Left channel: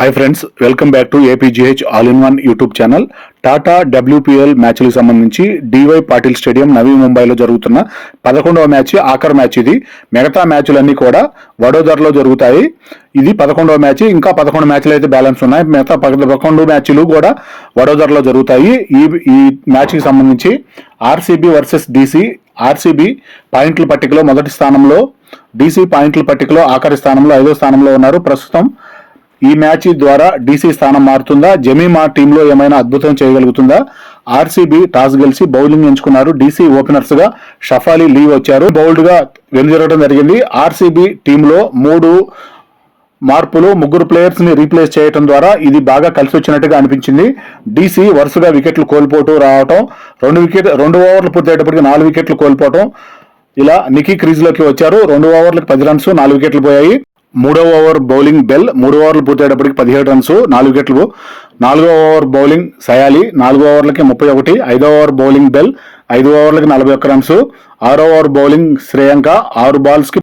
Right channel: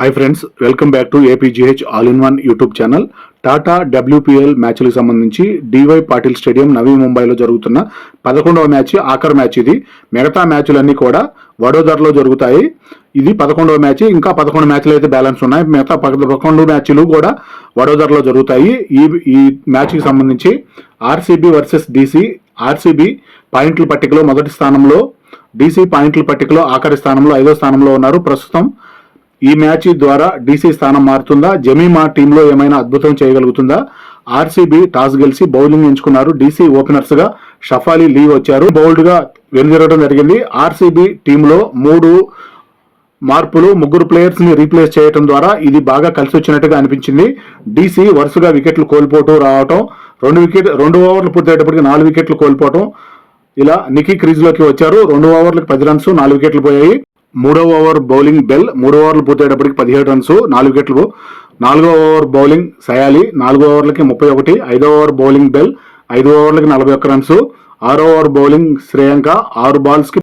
Hi friends, welcome back to APGH all in one YouTube channel. Tata WPL మ్యాచ్లకు సంబంధించి DY Patil stadium నవీ ముంబైలో జరుగుతున్న 11వ match ఆఖరి match ఇది. మిగతా మ్యాచ్లన్నీ కూడా వడోదరలో జరుగుతాయి. ఇది 11వ మ్యాచ్. ఇంకా 11 మ్యాచ్లు అయితే బ్యాలెన్స్ ఉన్నాయి. మిగతా 11 మ్యాచ్లు కూడా వడోదరలో జరుగుతాయి. ఈ మ్యాచ్కి సంబంధించి ఆర్సీబీ వర్సెస్ DC. ఆర్సీబీ పాయింట్ల పట్టికలో మొదటి స్థానంలో, DC పాయింట్ల పట్టికలో ఆఖరి స్థానంలో 5వ స్థానంలో ఉన్నారు. ప్రస్తుతం ఈ మ్యాచ్ ద్వారా DC స్థానం మారుతుందా, జమీమా టీంలో ఏమైనా అద్భుతం చేయగలుగుతుందా? ఆర్సీబీ టాస్ గెలిచి బౌలింగ్ ఎంచుకున్నారు. DC ఓపెనర్స్ గా షఫాలి, లీ వచ్చారు. బౌల్డ్ గా వెనుదిరగడం జరిగింది. ఆర్సీబీ టీంలో 3 మార్పులు, 3 ప్లేయర్స్ ని రీప్లేస్ చేయడం ద్వారా ఇది బాగా కలిసి వచ్చినట్టుగా అనిపించింది. DC వరుసగా వికెట్లు కోల్పోతూ రావటం, 2 ఓవర్లు పూర్తయ్యేటప్పటికి 4 వికెట్లు కోల్పోవటం, ఇలా నికీ క్రీజ్ లోకి వచ్చారు. 2 ఓవర్లకు 10 రన్స్, 4 వికెట్లు పోయాయి. 3వ ఓవర్ బౌలింగ్ బెల్, 3 ఓవర్లు పూర్తయ్యేటప్పటికి 17 రన్స్, 4 వికెట్లు. 4వ ఓవర్ బౌలింగ్ సయాలి, 4 ఓవర్లకి 31. 5వ ఓవర్ బౌలింగ్ బెల్, 5 ఓవర్లకి 41 రన్స్. 6వ ఓవర్ బౌలింగ్ శ్రేయాంక, 6 బాల్స్ కి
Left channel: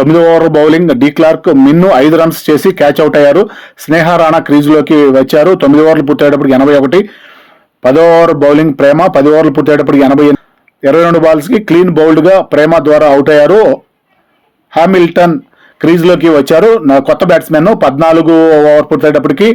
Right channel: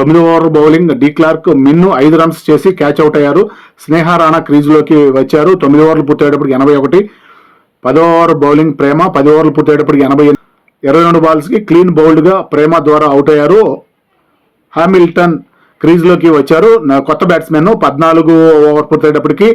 9వ ఓవర్ బౌలింగ్ డి క్లార్క్, మిన్ను 5 రన్స్ చేసి క్యాచ్ అవుట్ అయ్యారు. స్నేహ రాణా క్రీజ్ లోకి వచ్చారు. 9 ఓవర్లు పూర్తయ్యేటప్పటికి 81. 10వ ఓవర్ బౌలింగ్ ప్రేమ, 10 ఓవర్లు పూర్తయ్యేటప్పటికి 80. 22 బాల్స్ కి క్లీన్ బౌల్డ్ గా ప్రేమ ద్వారా అవుట్ అయ్యారు. హామిల్టన్ క్రీజ్ లోకి వచ్చారు. కొత్త బ్యాట్స్మెన్. 14 ఓవర్ పూర్తయ్యేటప్పటికి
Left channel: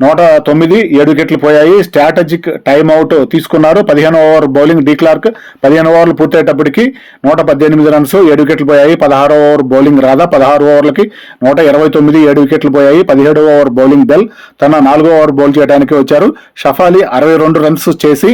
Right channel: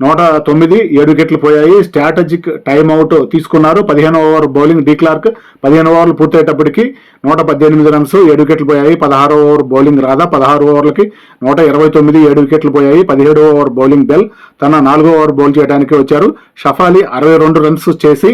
109, 7 వికెట్లు పోయాయి. స్ట్రాటజిక్ టైమ్అవుట్ తీసుకున్నారు. 15వ ఓవర్ బౌలింగ్ డి క్లార్క్, 15 ఓవర్లు పూర్తయ్యేటప్పటికి 118 రన్స్, 7 వికెట్లు పోయాయి. 16వ ఓవర్ బౌలింగ్ రాధా, 16 ఓవర్లకి 129, 7 వికెట్లు పోయాయి. 17వ ఓవర్ బౌలింగ్ బెల్ తన 4వ ఓవర్ బౌల్ చేయడానికి వచ్చారు. షఫాలి 62 రన్స్ చేసి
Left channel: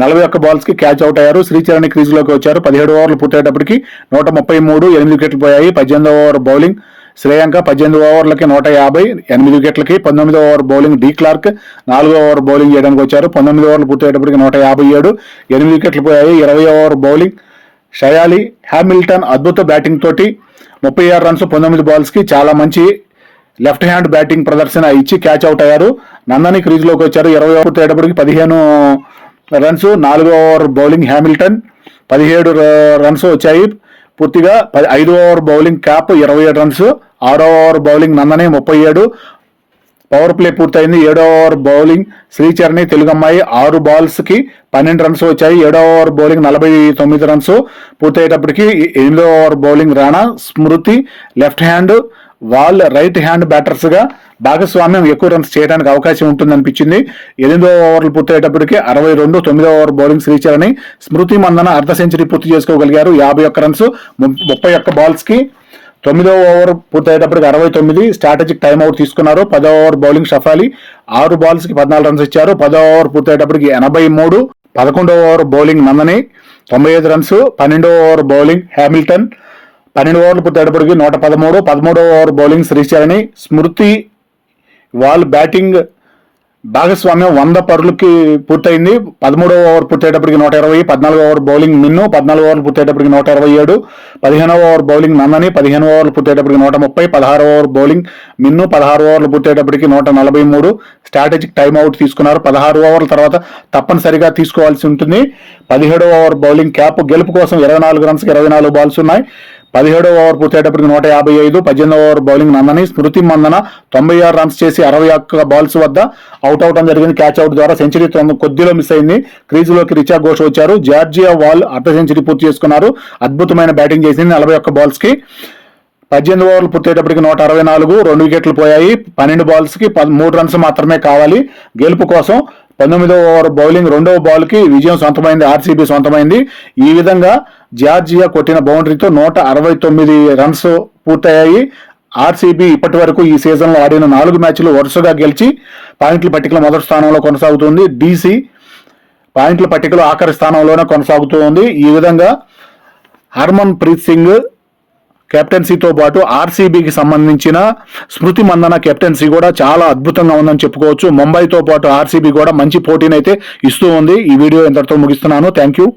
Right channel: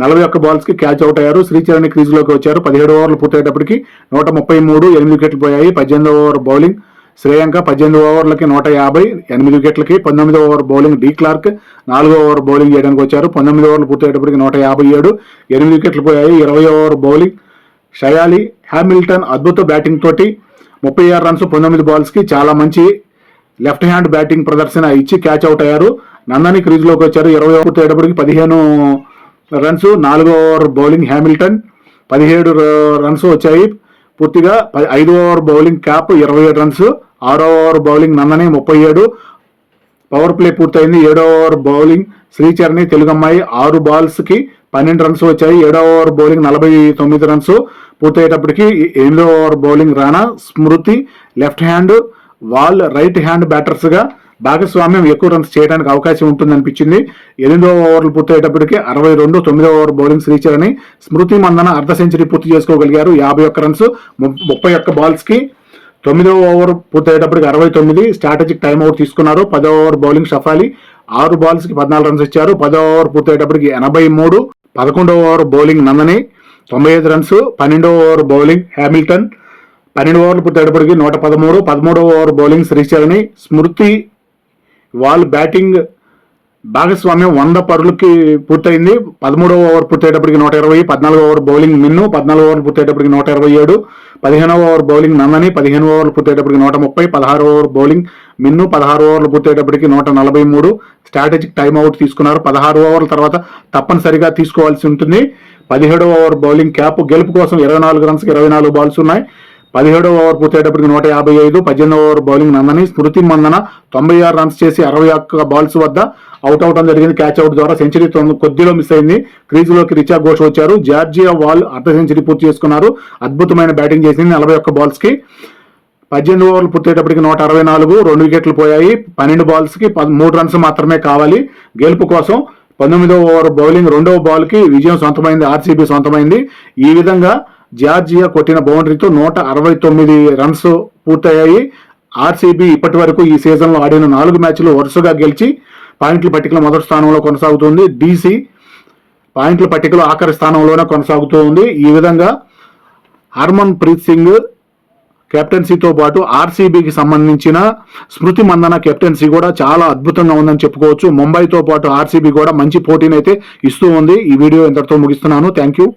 41 బాల్స్ కి క్యాచ్ అవుట్ అయ్యారు. శ్రీచరణి క్రీజ్ లోకి వచ్చారు. 17 ఓవర్లు పూర్తయ్యేటప్పటికి 133, 8 వికెట్లు పోయాయి. 18వ ఓవర్ బౌలింగ్ శ్రేయాంక, 18 ఓవర్లకి 150, 8 వికెట్లకి. 19వ ఓవర్ బౌలింగ్ డి క్లార్క్ 4వ ఓవర్ బౌలింగ్ చేయడానికి వచ్చారు. 19 ఓవర్లు పూర్తయ్యేటప్పటికి 157, 8 వికెట్లు పోయాయి. 20వ ఓవర్ బౌలింగ్ షయాలి. హ్యామిల్టన్ అద్భుత బ్యాటింగ్ తోటి 36 రన్స్, 19 బాల్స్ కి చాలా మంచి లెఫ్ట్ హ్యాండ్ బ్యాటింగ్ ప్రదర్శన ఇచ్చి క్యాచ్ అవుట్ అయ్యారు. నందని క్రీజ్ లోకి వచ్చారు. 20 ఓవర్ పూర్తయ్యేటప్పటికి 15 రన్స్. 4వ ఓవర్ బౌలింగ్ హ్యామిల్టన్ 17 రన్స్ వచ్చాయి పూర్తిగా. 5వ ఓవర్ బౌలింగ్ క్యాప్ 27 రన్స్. 6వ ఓవర్ బౌలింగ్ నందనే 37. పవర్ ప్లే పూర్తయింది. 7వ ఓవర్ బౌలింగ్ శ్రీచరణి తెలుగమ్మాయి 6 బాల్స్ కి 12 రన్స్ వచ్చాయి. 7వ ఓవర్ బౌలింగ్ 49 రన్స్ పూర్తయ్యేటప్పటికి 8వ over bowling Rana. Smriti left hand, Voll right hand batters గా భాగస్వామ్యం ఎక్కువ రన్స్ చేయడానికి అవకాశం ఉంటుందనిపించింది. 8వ ఓవర్లు పూర్తయ్యేటప్పటికి 62. 9వ ఓవర్ బౌలింగ్ శ్రీచరణి. స్మృతి మందన అర్ధ సెంచరీ పూర్తి చేసుకోగలిగారు. 51 రన్స్, 31 బాల్స్ కి. 9వ ఓవర్ పూర్తయ్యేటప్పటికి 69. స్ట్రాటజిక్ టైమ్అవుట్ తీసుకున్నారు. 10వ ఓవర్ బౌలింగ్ షఫాలి 6 బాల్స్ కి 14 రన్స్ ఇచ్చారు. 10వ over పూర్తయ్యేటప్పటికి 83. 11వ over bowling నందని 95 runs. 12వ over bowling Hamilton 12 ఓవర్లు పూర్తయ్యేటప్పటికి 113. 13వ ఓవర్ బౌలింగ్ శ్రీచరణి. స్మృతి వాల్ బ్యాటింగ్ భాగస్వామ్యం 100 పరులకి పూర్తయింది. 13వ ఓవర్ పూర్తయ్యేటప్పటికి 120. 14వ ఓవర్ బౌలింగ్ మిన్ను 14 ఓవర్లు పూర్తయ్యేటప్పటికి 127. 15వ ఓవర్ బౌలింగ్ నందని 15 ఓవర్లు పూర్తయ్యేటప్పటికి 130. 16వ ఓవర్ బౌలింగ్ మిన్ను 16 ఓవర్లు పూర్తయ్యేటప్పటికి 143. స్ట్రాటజిక్ టైమ్అవుట్ తీసుకున్నారు. 16 ఓవర్ల తర్వాత తప్పనిసరిగా తీసుకోవాల్సి ఉంటుంది. 17వ ఓవర్ బౌలింగ్ క్యాప్. గెలుపు కోసం 24 రన్స్, 24 బాల్స్ ఉన్నాయి. 17వ ఓవర్ పూర్తయ్యేటప్పటికి 155. 18వ over bowling నందని. స్మృతి మందన 96 రన్స్ చేసి 61 బాల్స్ వద్ద అవుట్ అవడం జరిగింది. క్యాచ్ అవుట్ ద్వారా సెంచరీ కొద్దిలో మిస్ అయింది. క్రీజ్ లోకి రిచా ఘోష్ వచ్చారు. జార్జియా వాల్ అర్ధ సెంచరీ పూర్తి చేసుకున్నారు. అద్భుతమైన బ్యాటింగ్ చేసింది 41 బాల్స్ కి. 18 ఓవర్లు పూర్తయ్యేటప్పటికి 164, 2 వికెట్లు పోయాయి. 12 బాల్స్ కి 3 రన్స్ మాత్రమే కావాలి గెలుపు కోసం. 19వ ఓవర్ బౌలింగ్ 2వ బాల్ కి విజయం సొంతమైంది. ఆర్సీబీ సొంతమైంది. ఈ విధంగా జార్జియా కొట్టిన బౌండరీతో 169 రన్స్ పూర్తయ్యాయి. ఆర్సీబీ ఇప్పటి వరకు ఈ సీజన్ లో ఆడిన 4 మ్యాచ్లు వరుసగా గెలిచి పాయింట్ల పట్టికలో మొదటి స్థానంలో కొనసాగుతుంది. DC పాయింట్ల పట్టికలో ఆఖరి స్థానంలోనే కొనసాగుతుంది. ఈ విధంగా హర్మన్ ప్రీత్ సింగ్ కెప్టెన్సీతో పాటు ఆర్సీబీకి సంబంధించిన స్మృతి మందన కెప్టెన్సీ కూడా చాలా అద్భుతంగా ఉందని చెప్పుకోవచ్చు. ముంబైతో పాటు ఆర్సీబీ కూడా మంచి పోటీనైతే ఇస్తూ ఉంది. ఈ వీడియో ఇంతటితో ముగిస్తున్నాను. Thank you.